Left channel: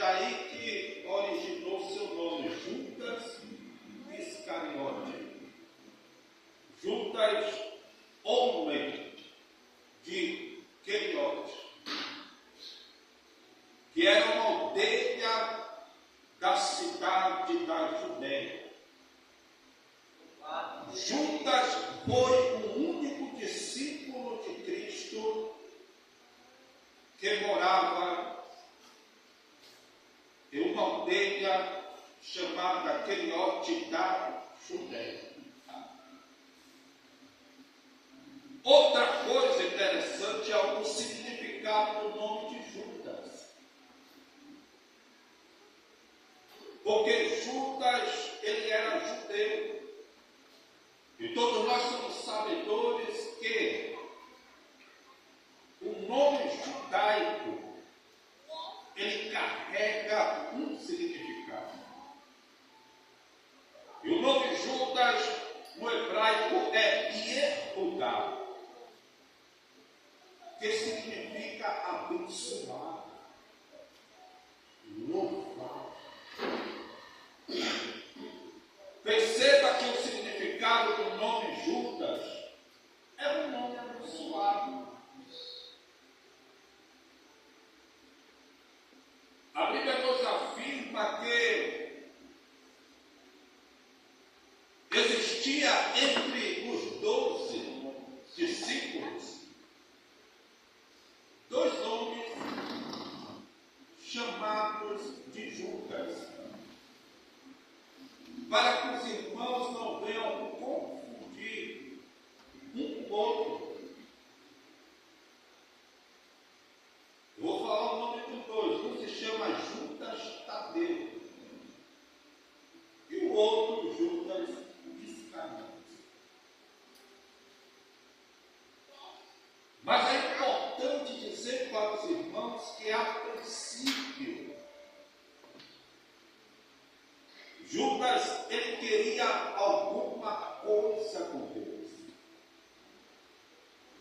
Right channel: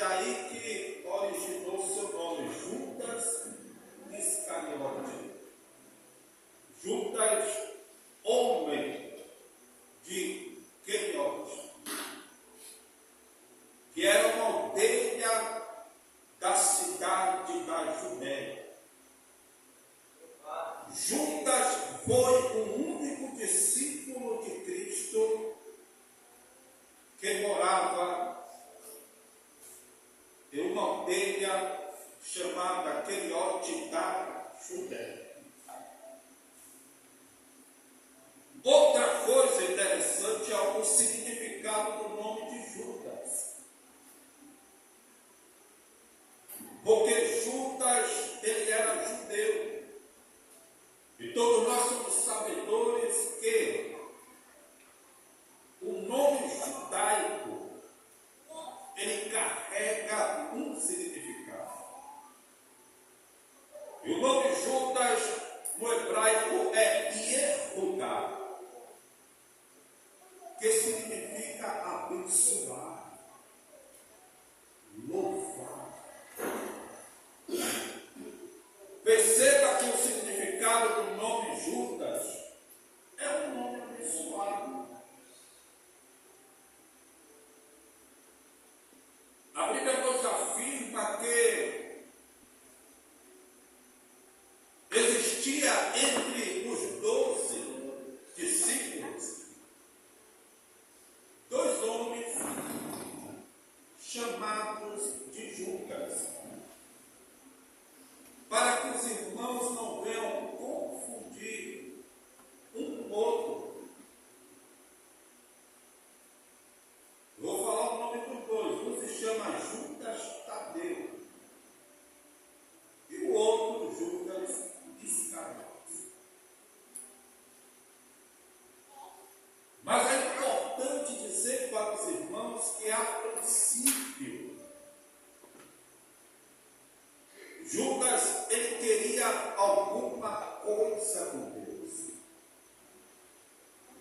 daí que originou seu nome, Judas Iscariote. Judas, homem de Queriote, que era uma aldeia da cidade da Judéia. Judas foi o único discípulo de Cristo que morava em uma aldeia chamada Queriote da Judéia. Outra coisa interessante é o significado do nome de Judas. Porque Judas, ele era judeu. E todos nós somos sabedores que o nome judaico, ele carrega um significado. E o nome Judas, no hebraico, é Yehudá, que significa abençoar, louvar. Perceba que o significado do nome Judas é um nome abençoado. A Bíblia nos afirma que existia entre os 12 discípulos 2 homens chamados de Judas, para que os irmãos não venham confundir um com o outro. Eu vou falar o nome dos dois. Um se chama Judas Tadeu e o outro Judas Iscariote. Mas é importante dizer para os irmãos que, a princípio, Judas, ele queria alguma coisa com Deus.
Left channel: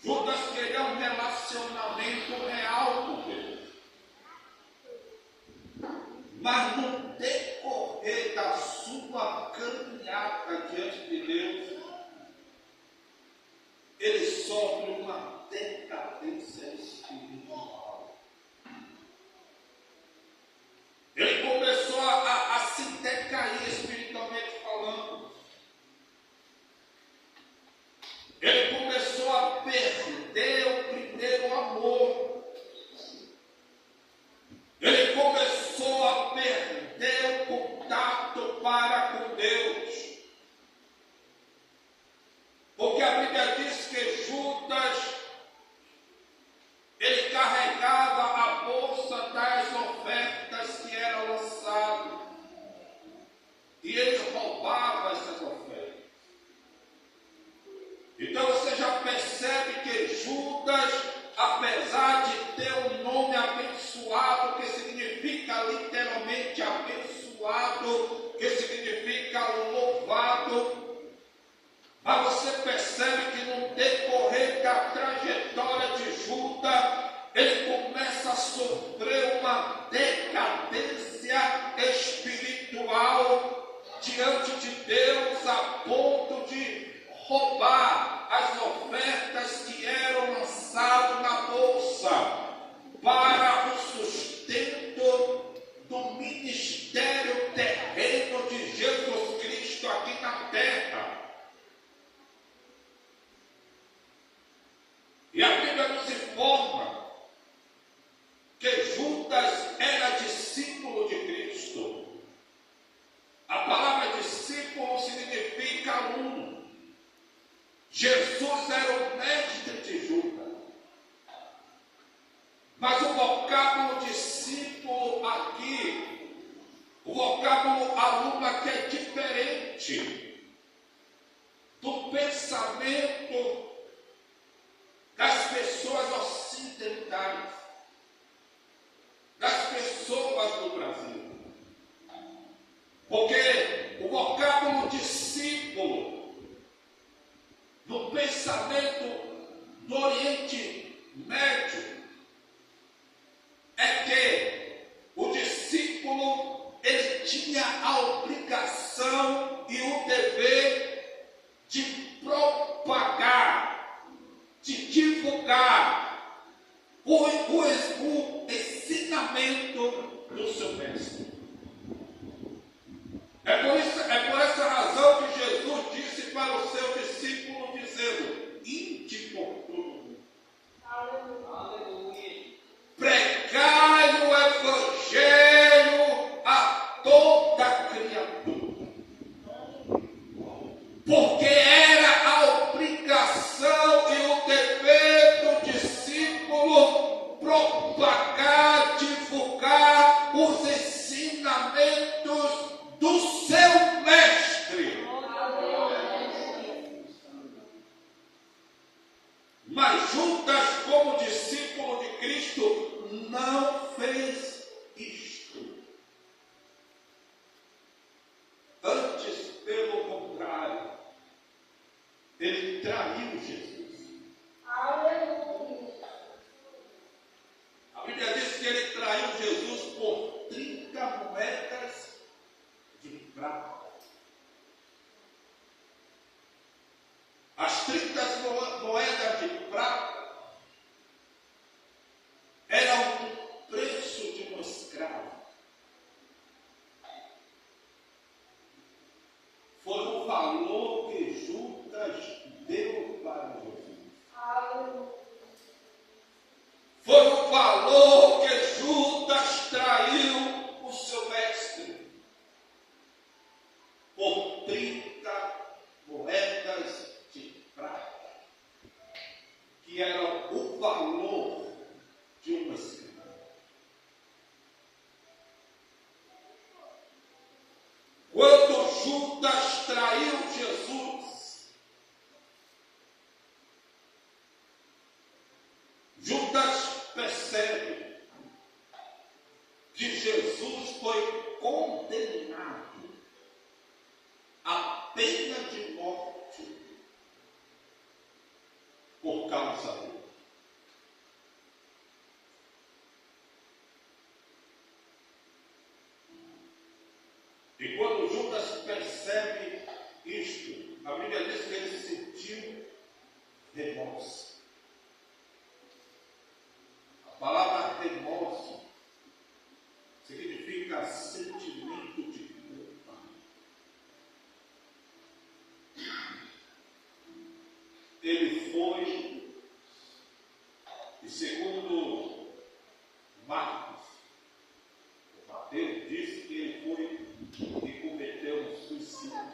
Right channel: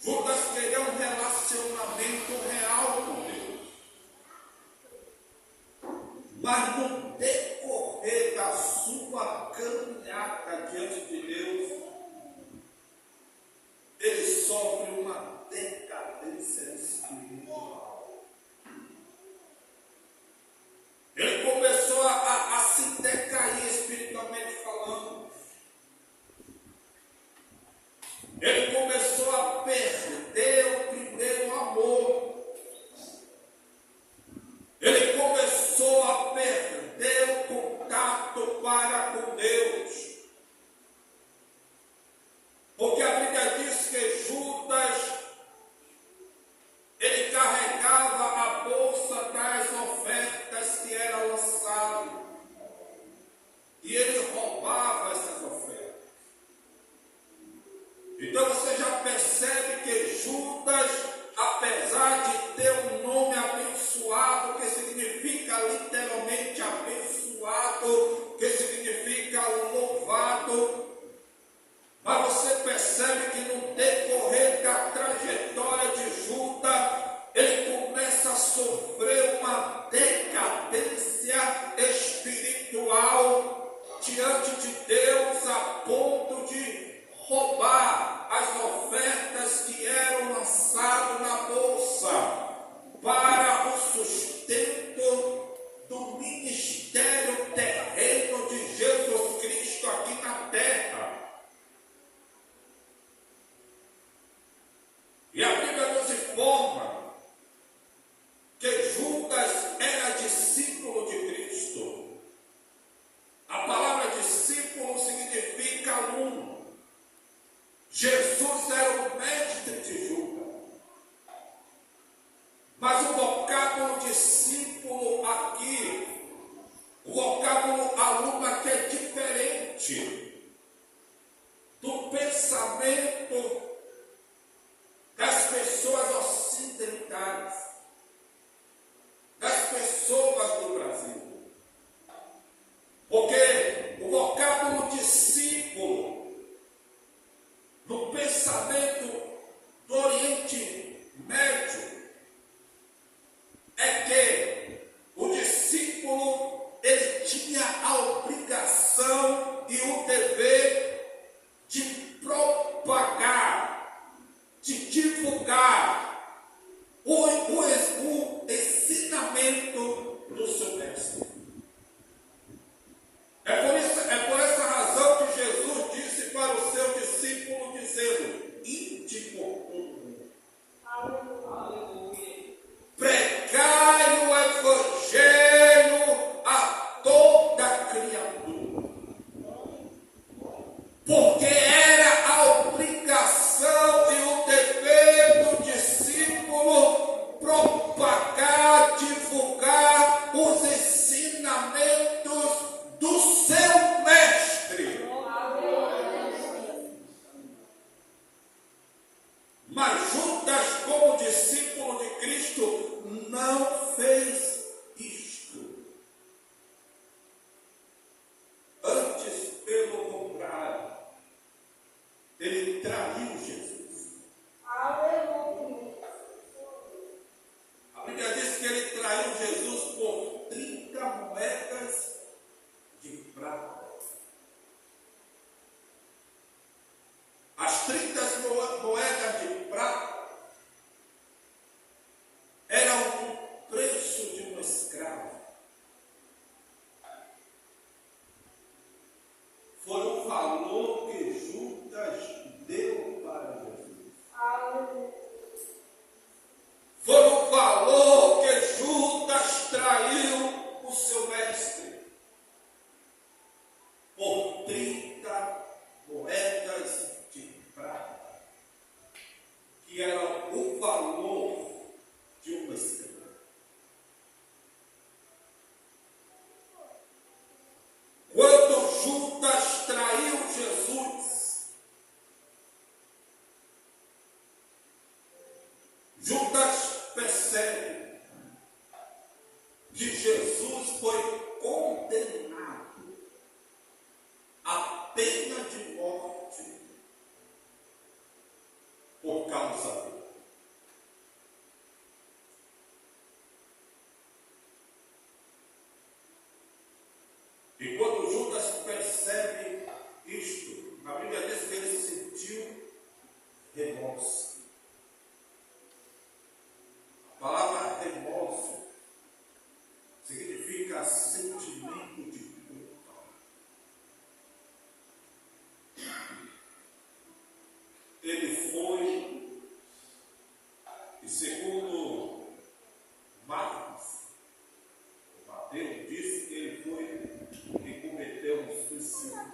Judas queria um relacionamento real com Deus. Mas no decorrer da sua caminhada diante de Deus, ele sofre uma decadência espiritual. Ele começou a se decair espiritualmente falando. Ele começou a perder o primeiro amor. Ele começou a perder o contato para com Deus. Porque a Bíblia diz que Judas, ele carregava a bolsa das ofertas que eram lançadas. E ele roubava essas ofertas. Então você já percebe que Judas, apesar de ter um nome abençoado, que significa literalmente abençoado, que significa louvado, mas você percebe que no decorrer da trajetória de Judas, ele começa a sofrer uma decadência espiritual diante de Deus, a ponto de roubar as ofertas que eram lançadas na bolsa para o sustento do ministério terreno de Jesus Cristo aqui na terra. E a Bíblia nos informa que Judas era discípulo de Cristo. A palavra discípulo significa aluno. Jesus era o mestre de Judas. Mas o vocábulo discípulo aqui, o vocábulo aluno aqui é diferente do pensamento das pessoas ocidentais, das pessoas do Brasil. Porque o vocábulo discípulo, no pensamento do Oriente Médio, é que o discípulo Jesus foi condenado à pena de morte por causa dele. E quando Judas percebe isto, a Bíblia diz que ele sentiu remorso. A palavra remorso significa sentimento de culpa. Ele foi, e segundo Mateus diz que ele foi e cometeu um suicídio.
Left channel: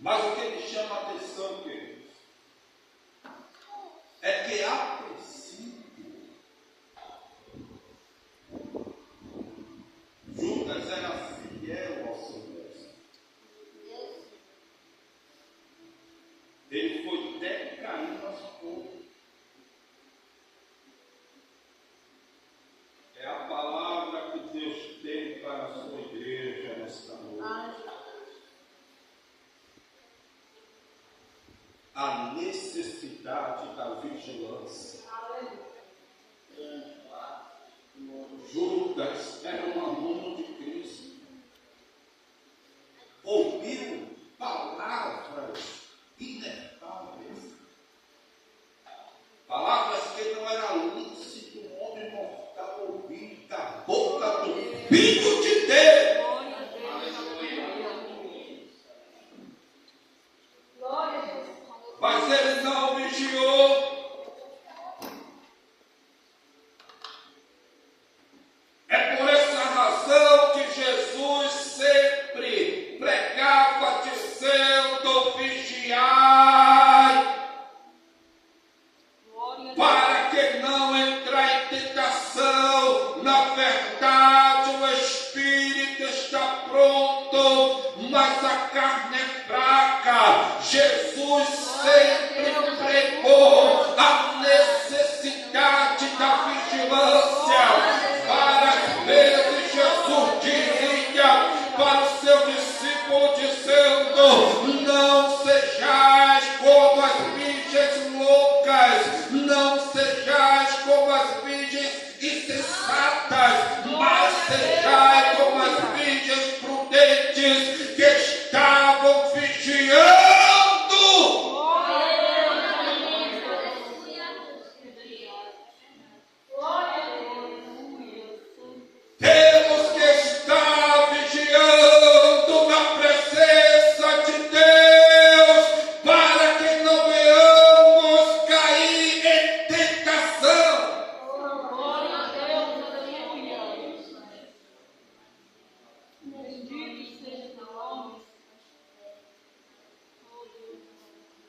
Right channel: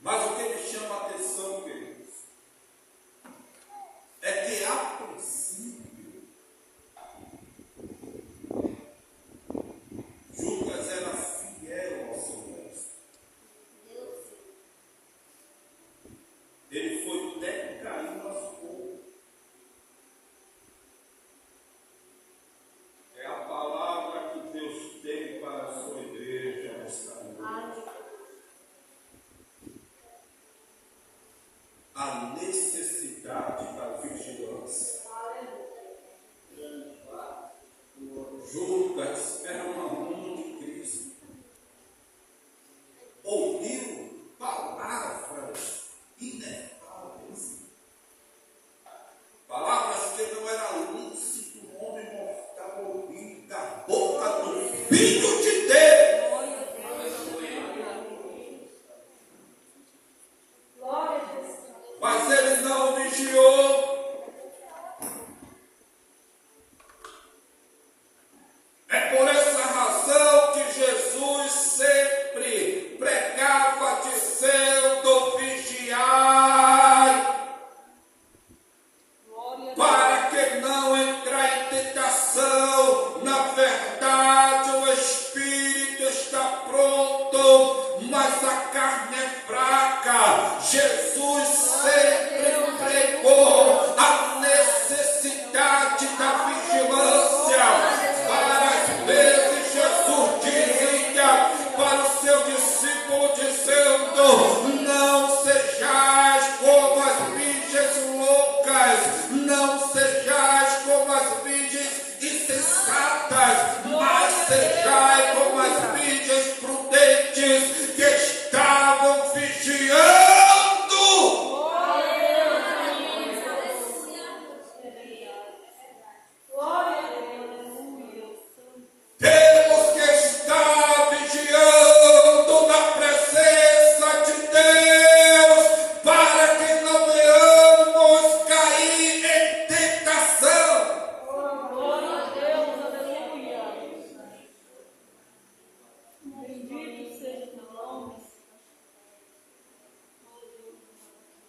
Mas o que me chama a atenção, queridos, é que a princípio Judas era fiel ao seu mestre. Ele foi decaindo aos poucos. É a palavra que Deus tem para a sua igreja nesta noite. A necessidade da vigilância. Judas era um aluno de Cristo. Ouviu palavras inefáveis. Palavras que não era lícito um homem mortal ouvir da boca do Filho de Deus. Mas ele não vigiou. É por essa razão que Jesus sempre pregava dizendo: vigiai, para que não entrar em tentação. Na verdade, o espírito está pronto, mas a carne é fraca. Jesus sempre pregou a necessidade da vigilância. Várias vezes Jesus dizia para o seu discípulo, dizendo: não sejais como as virgens loucas, não sejais como as virgens insensatas, mas sejais como as virgens prudentes que estavam vigiando. Temos que estar vigiando na presença de Deus, para que não venhamos cair em tentação. Glória a Deus, aleluia. Bendito seja teu nome.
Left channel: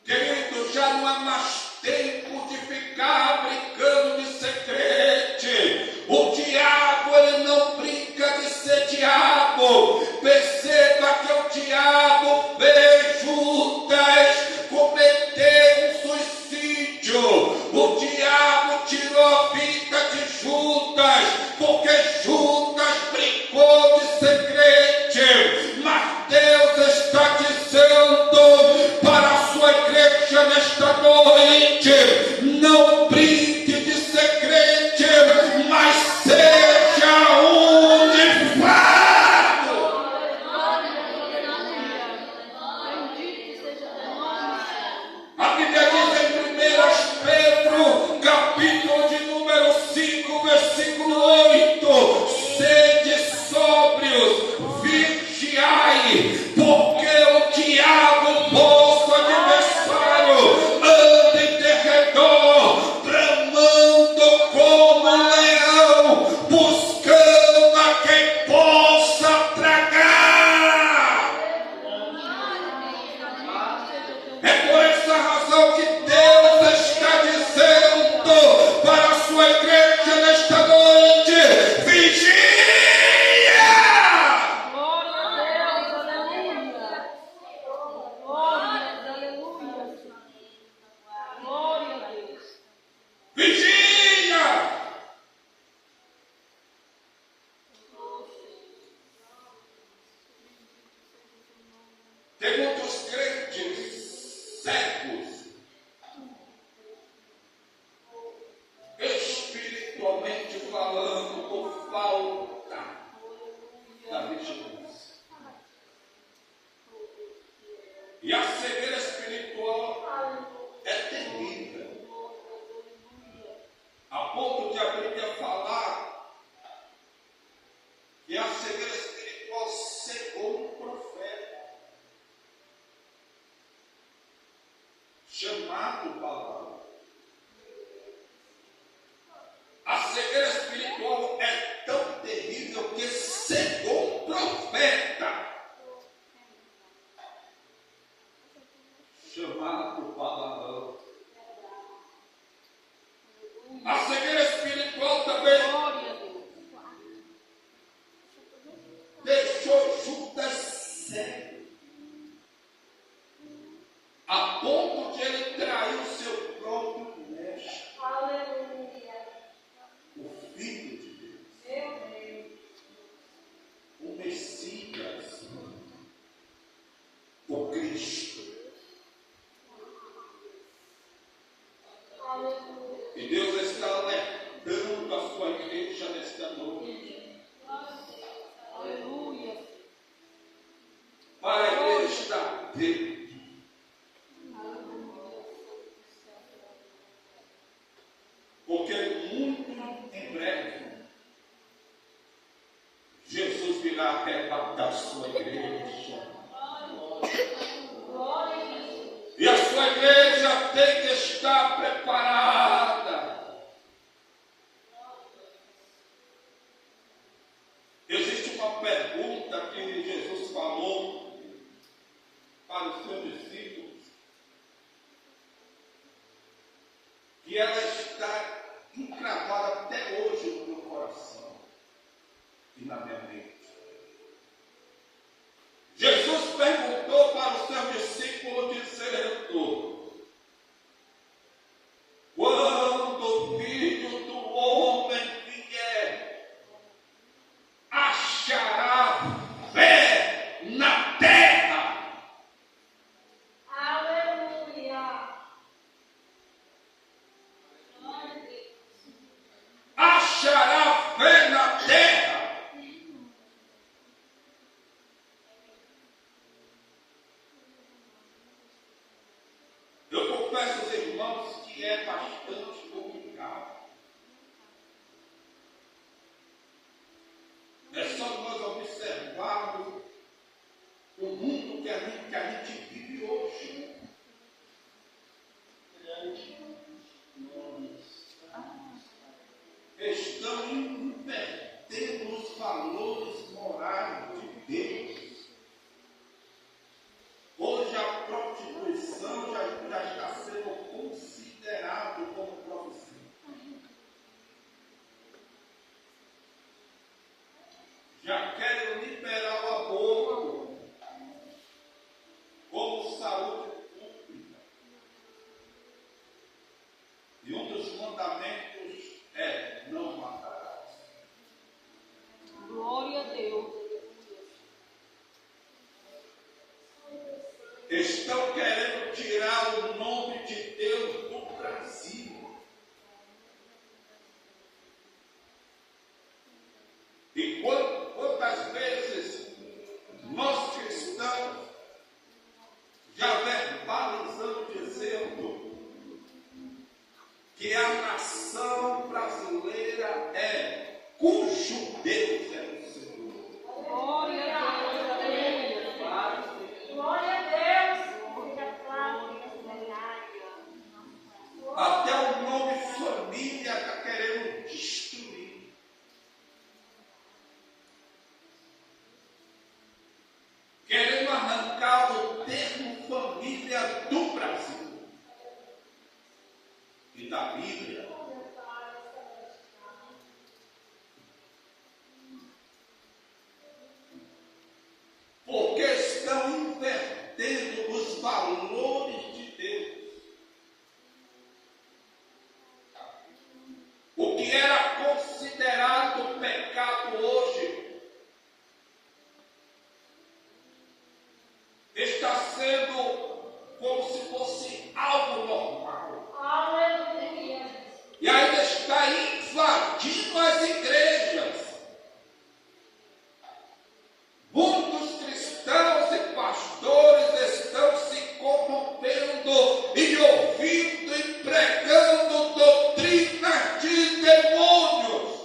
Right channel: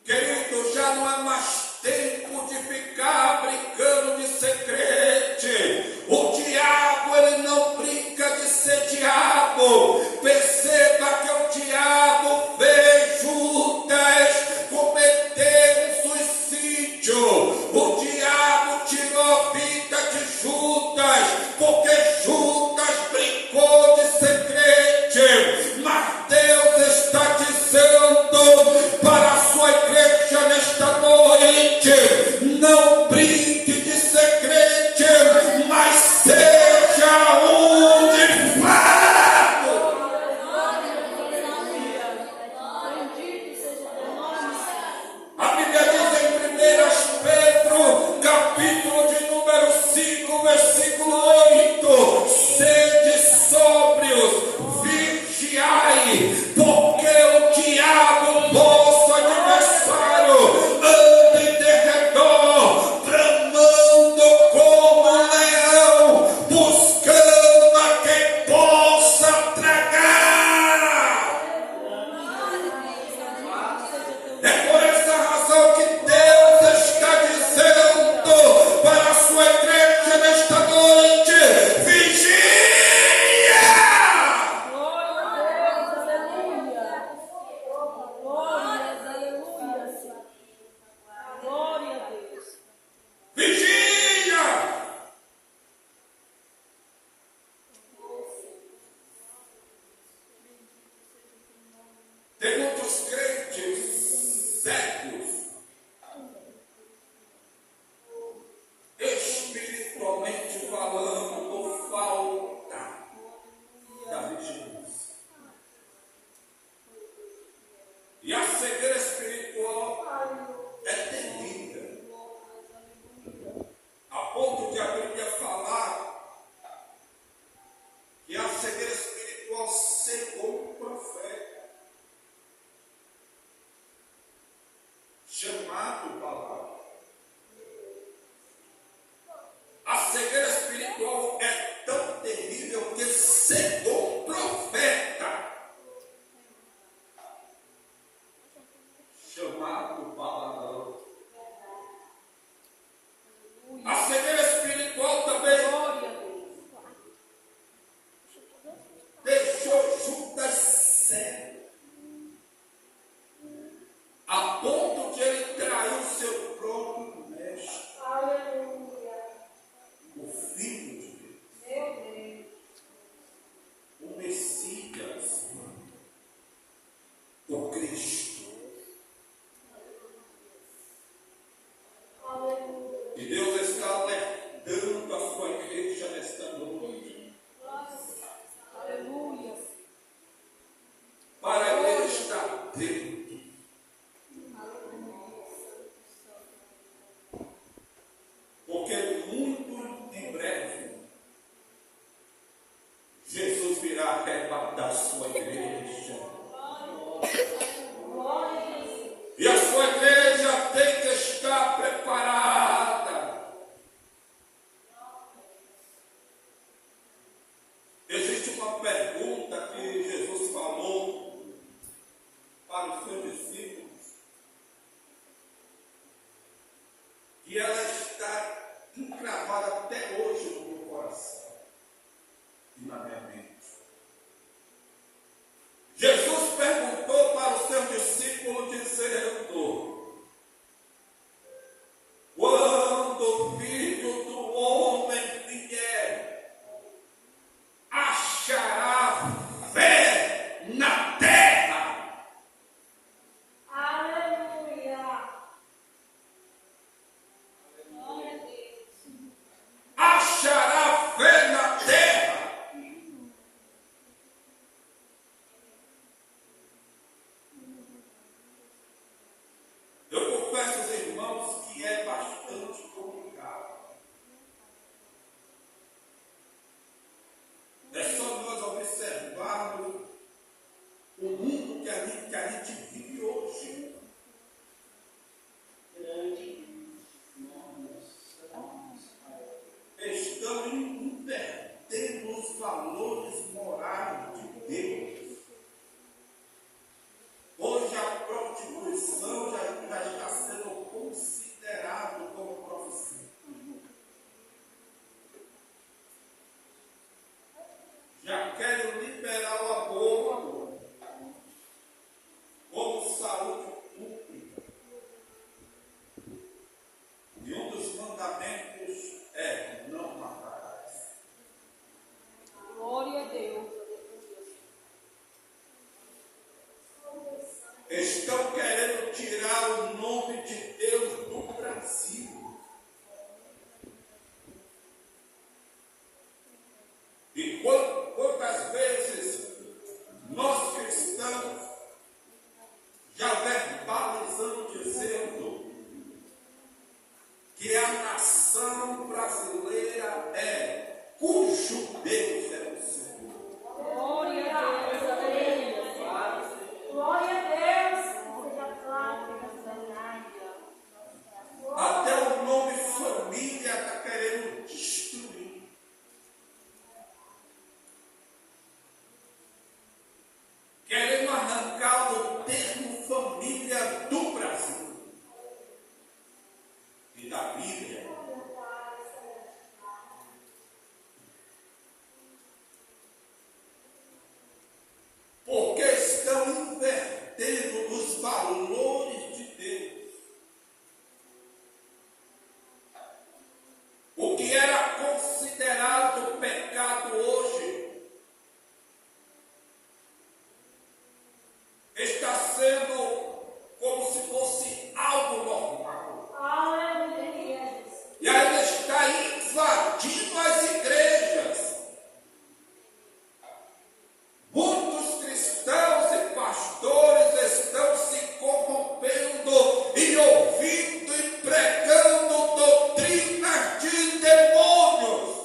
Querido, já não é mais tempo de ficar brincando de ser crente. O diabo, ele não brinca de ser diabo. Perceba que o diabo fez Judas cometer um suicídio. O diabo tirou a vida de Judas, porque Judas brincou de ser crente. Mas Deus está dizendo para a sua igreja nesta noite: não brinque de ser crente, mas seja um de fato. Bendito seja teu nome. A Bíblia diz em 1 Pedro, capítulo de número 5, versículo 8: sede sóbrios, vigiai, porque o diabo, vosso adversário, anda em derredor, bramando como um leão, buscando a quem possa tragar. É por essa razão que Deus está dizendo para a sua igreja nesta noite: estão invertendo os valores morais de Deus. Hoje a prostituição já está sendo considerado como profissão. Já querem liberar o aborto como saúde pública. E um dos mandamentos é: não matarás. Glória a Deus. Estão querendo tirar o nome de Deus do Brasil. E quantas vezes nós cristãos já verbalizamos dizendo que a nação brasileira é cujo Deus é o Senhor. Glória a Deus. Aleluia. Glória a Deus. Seja claro nessa verdade. Até o nome família está querendo destruir. Querendo arrancar o termo família do Brasil e da Bíblia. Porque estão invertendo os valores de Deus. O que era considerado pecado hoje está sendo como se fosse algo normal. Aleluia. E ainda está invadindo as igrejas. Muitos cristãos e pastores estão se corrompendo e ouvindo e pregando doutrinas de demônios.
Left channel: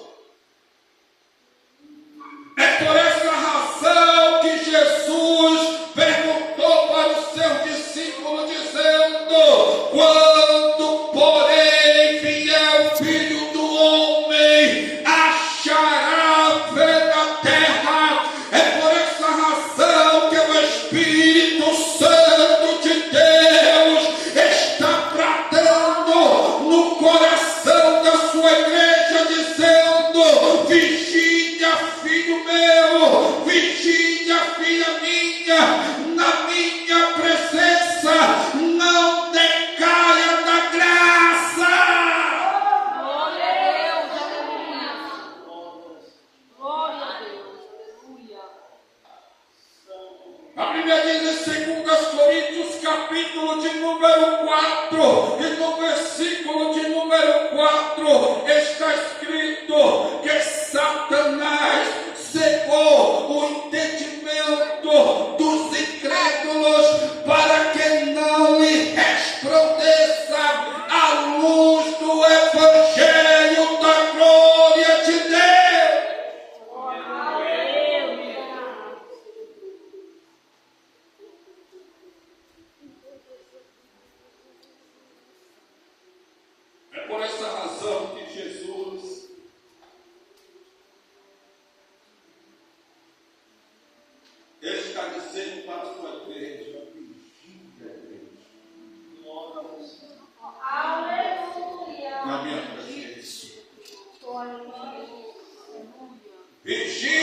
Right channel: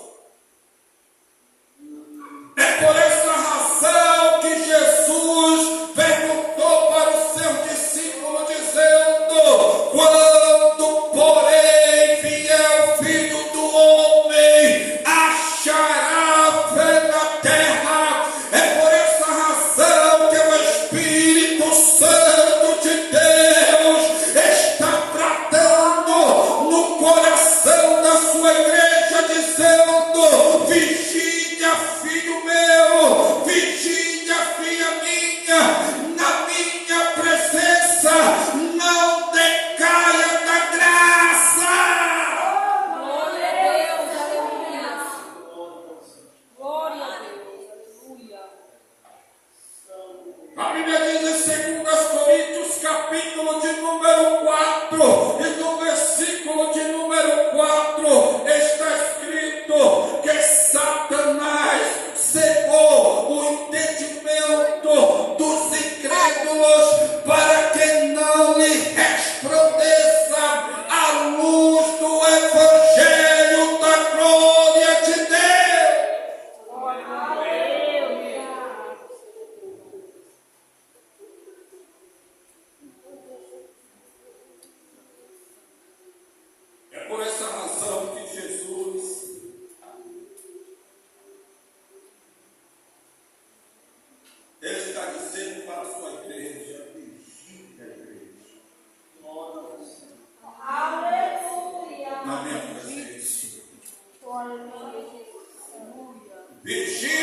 É por essa razão que Jesus perguntou para o seu discípulo, dizendo: quando, porém, vier o Filho do Homem, achará fé na terra? É por essa razão que o Espírito Santo de Deus está tratando no coração da sua igreja, dizendo: vigia, filho meu, vigia, filha minha, na minha presença, não decaia da graça. Glória a Deus. Aleluia. Glória a Deus. Aleluia. A Bíblia diz em 2 Coríntios, capítulo de número 4, e no versículo de número 4, está escrito que Satanás cegou o entendimento dos incrédulos para que não lhe resplandeça a luz do Evangelho da glória de Deus. Aleluia. É por essa razão que Jesus ele está dizendo para a sua igreja: vigia a igreja Aleluia. na minha presença. Glória a Deus. Aleluia. Vigia.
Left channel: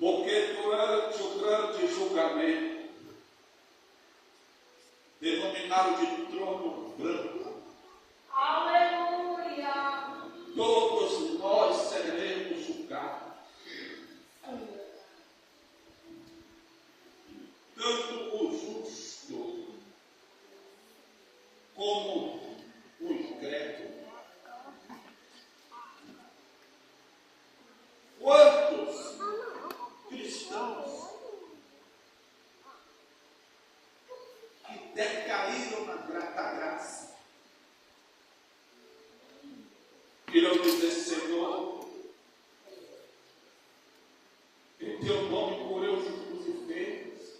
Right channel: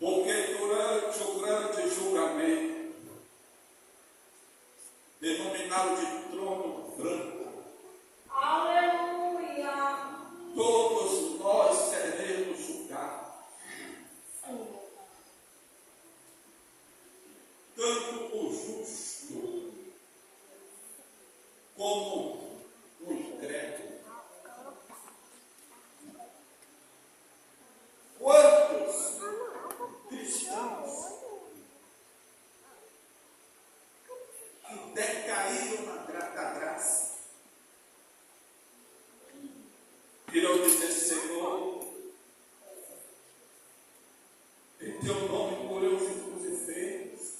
Porque durante o grande julgamento, denominado de trono branco, Aleluia. todos nós seremos julgados. Tanto o justo como o incrédulo. Quantos cristãos que decaíram na graça irão dizer: Senhor, em teu nome por eu os enfermos,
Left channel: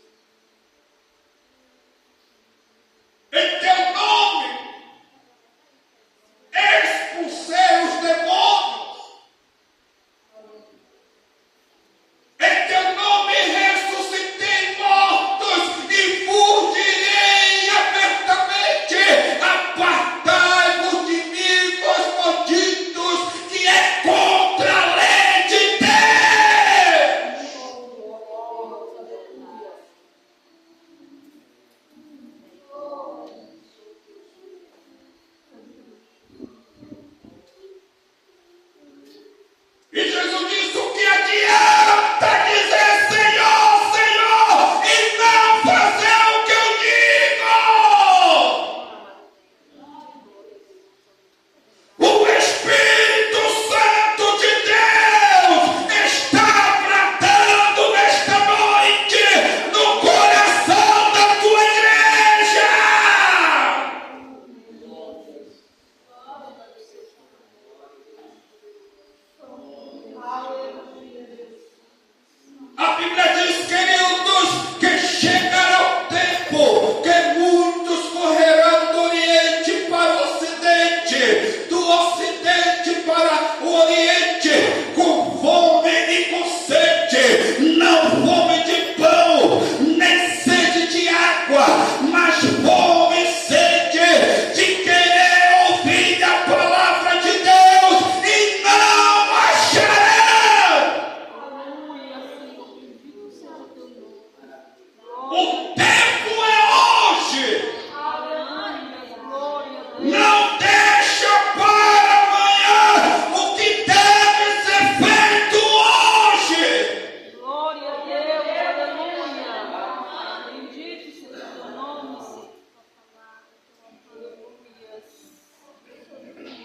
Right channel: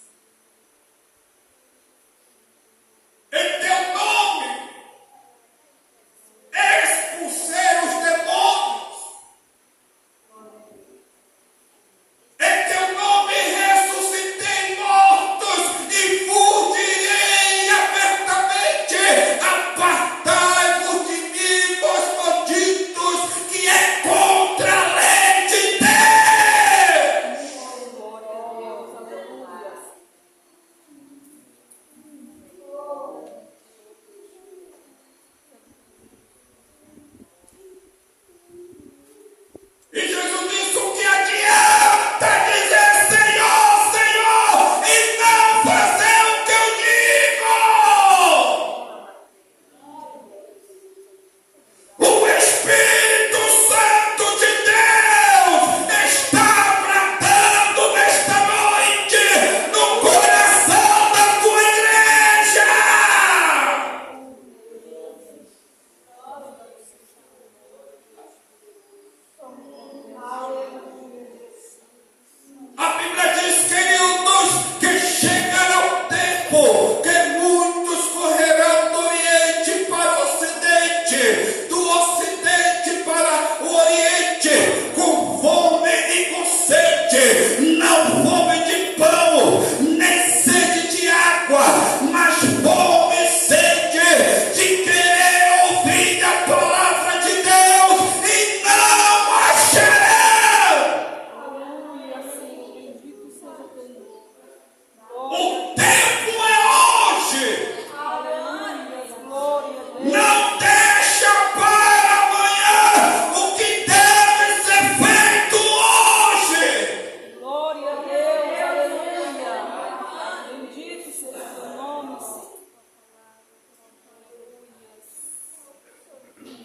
O tempo é hoje. Não deixa para amanhã o que deve ser feito hoje. Glória a Deus, aleluia. Bendito seja o teu nome, Senhor.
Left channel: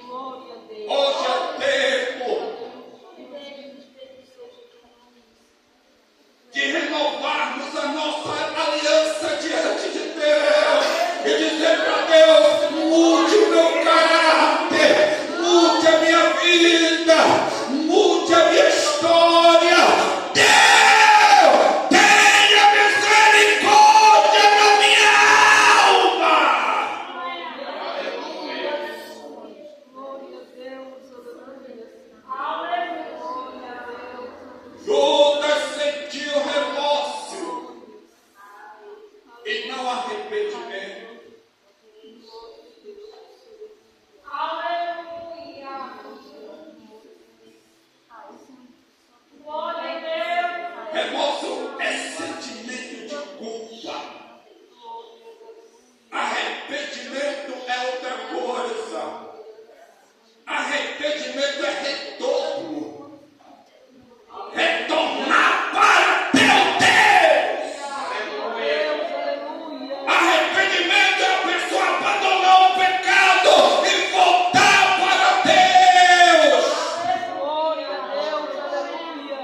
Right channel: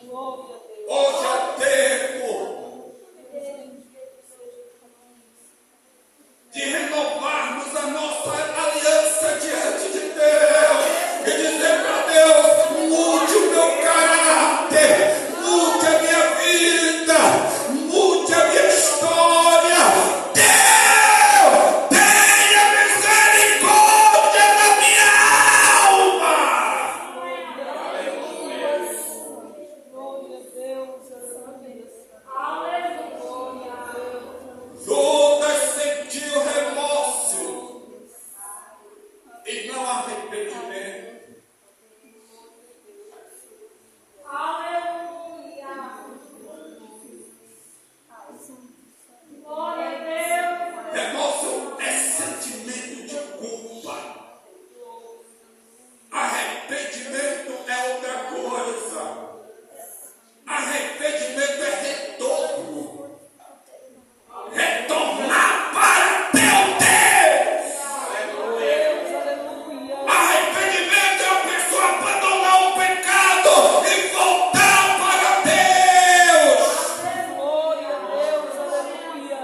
Glória a Deus. Hoje é o tempo de renovarmos a nossa aliança diante de Deus e dizer para Deus: mude o meu caráter, mude a minha vida, mude a minha história. Deus, tenha misericórdia da minha alma. Glória a Deus, aleluia. Glória a Deus. Judas sentiu remorso e não arrependimento. Aleluia. Glória a Deus. Remorso é sentimento de culpa. Arrependimento é outra coisa. Arrependimento é retorno. Retornar para teu Deus. Deus, aleluia. Arrependimento é a pessoa abandonar o pecado e voltar para Deus. Glória a Deus, aleluia.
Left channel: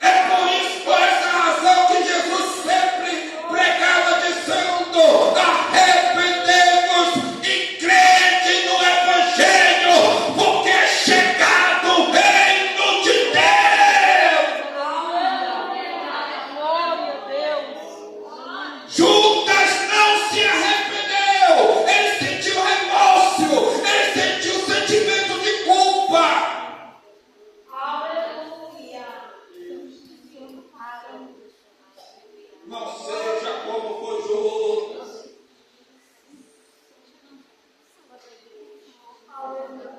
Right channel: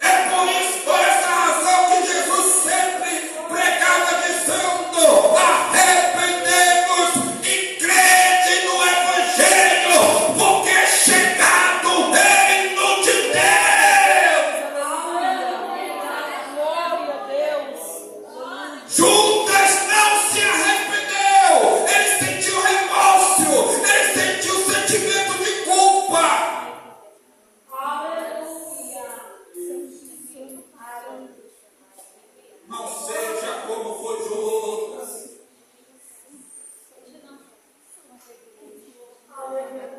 É por isso, por essa razão que Jesus sempre pregava dizendo: arrependemos e crede no Evangelho, porque é chegado o reino de Deus. Glória a Deus. Judas não se arrependeu, ele sentiu remorso, ele sentiu sentimento de culpa. Aleluia. Não seja como foi Judas.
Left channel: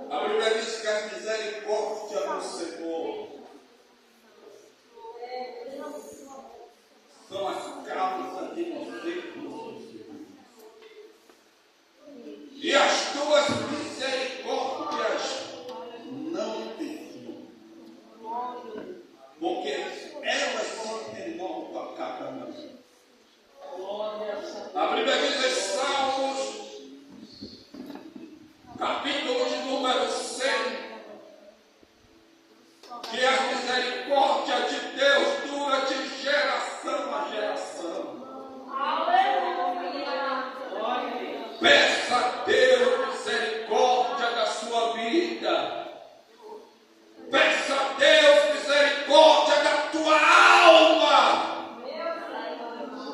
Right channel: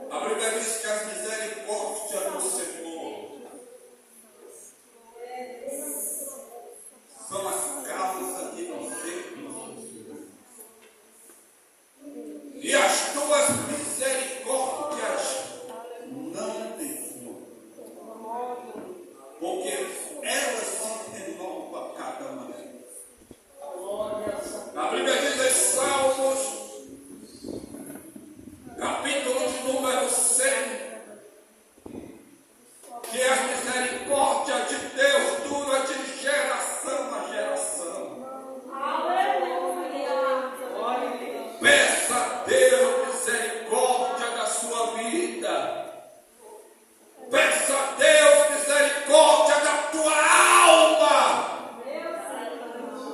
A Bíblia diz que as misericórdias do Senhor são as causas de nós sermos. E as tuas misericórdias não desciam, porque elas se renovam a cada manhã. A Bíblia diz em Salmos, capítulo de número 100, que as misericórdias de Deus duram de geração a geração. Aleluia. Peça a Deus misericórdia da sua vida. Peça a Deus misericórdia da tua alma.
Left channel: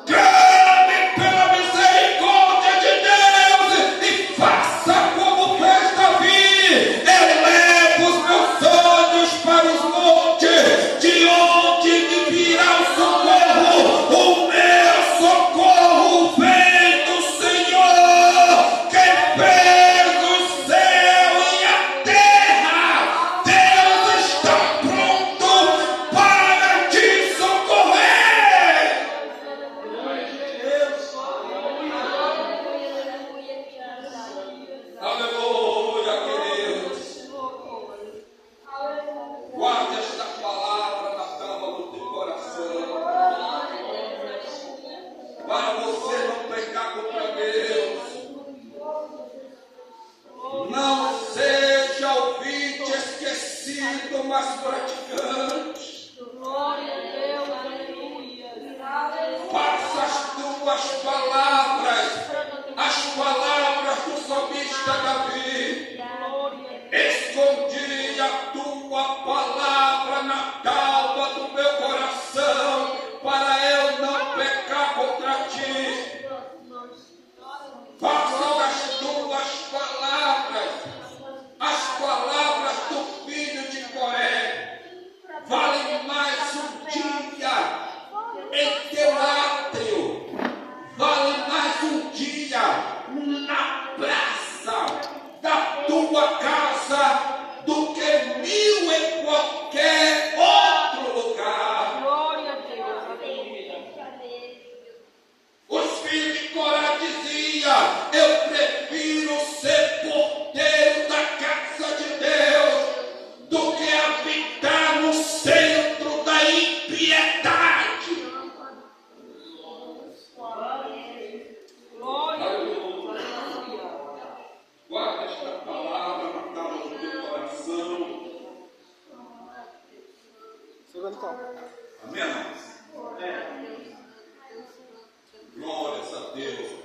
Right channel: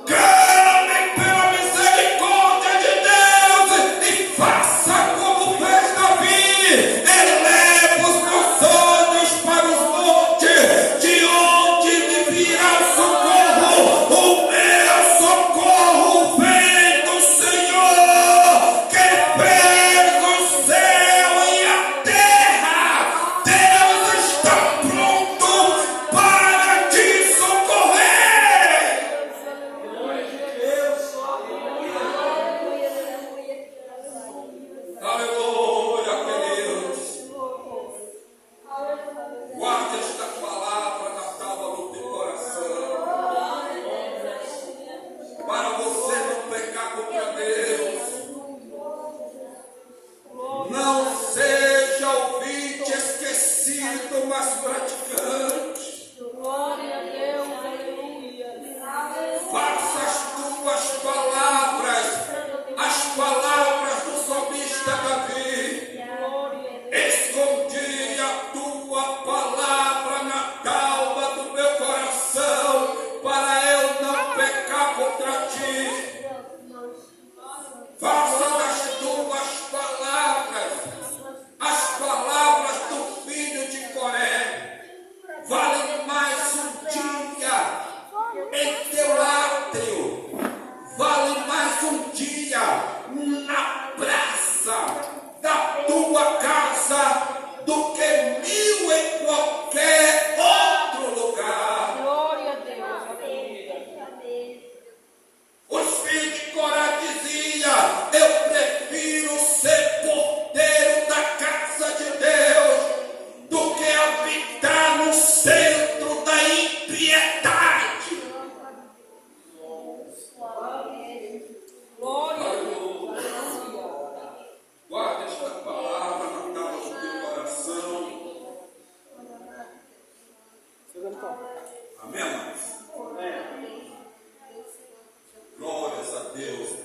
Clame pela misericórdia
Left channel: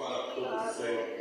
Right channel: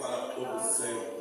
para todo sempre.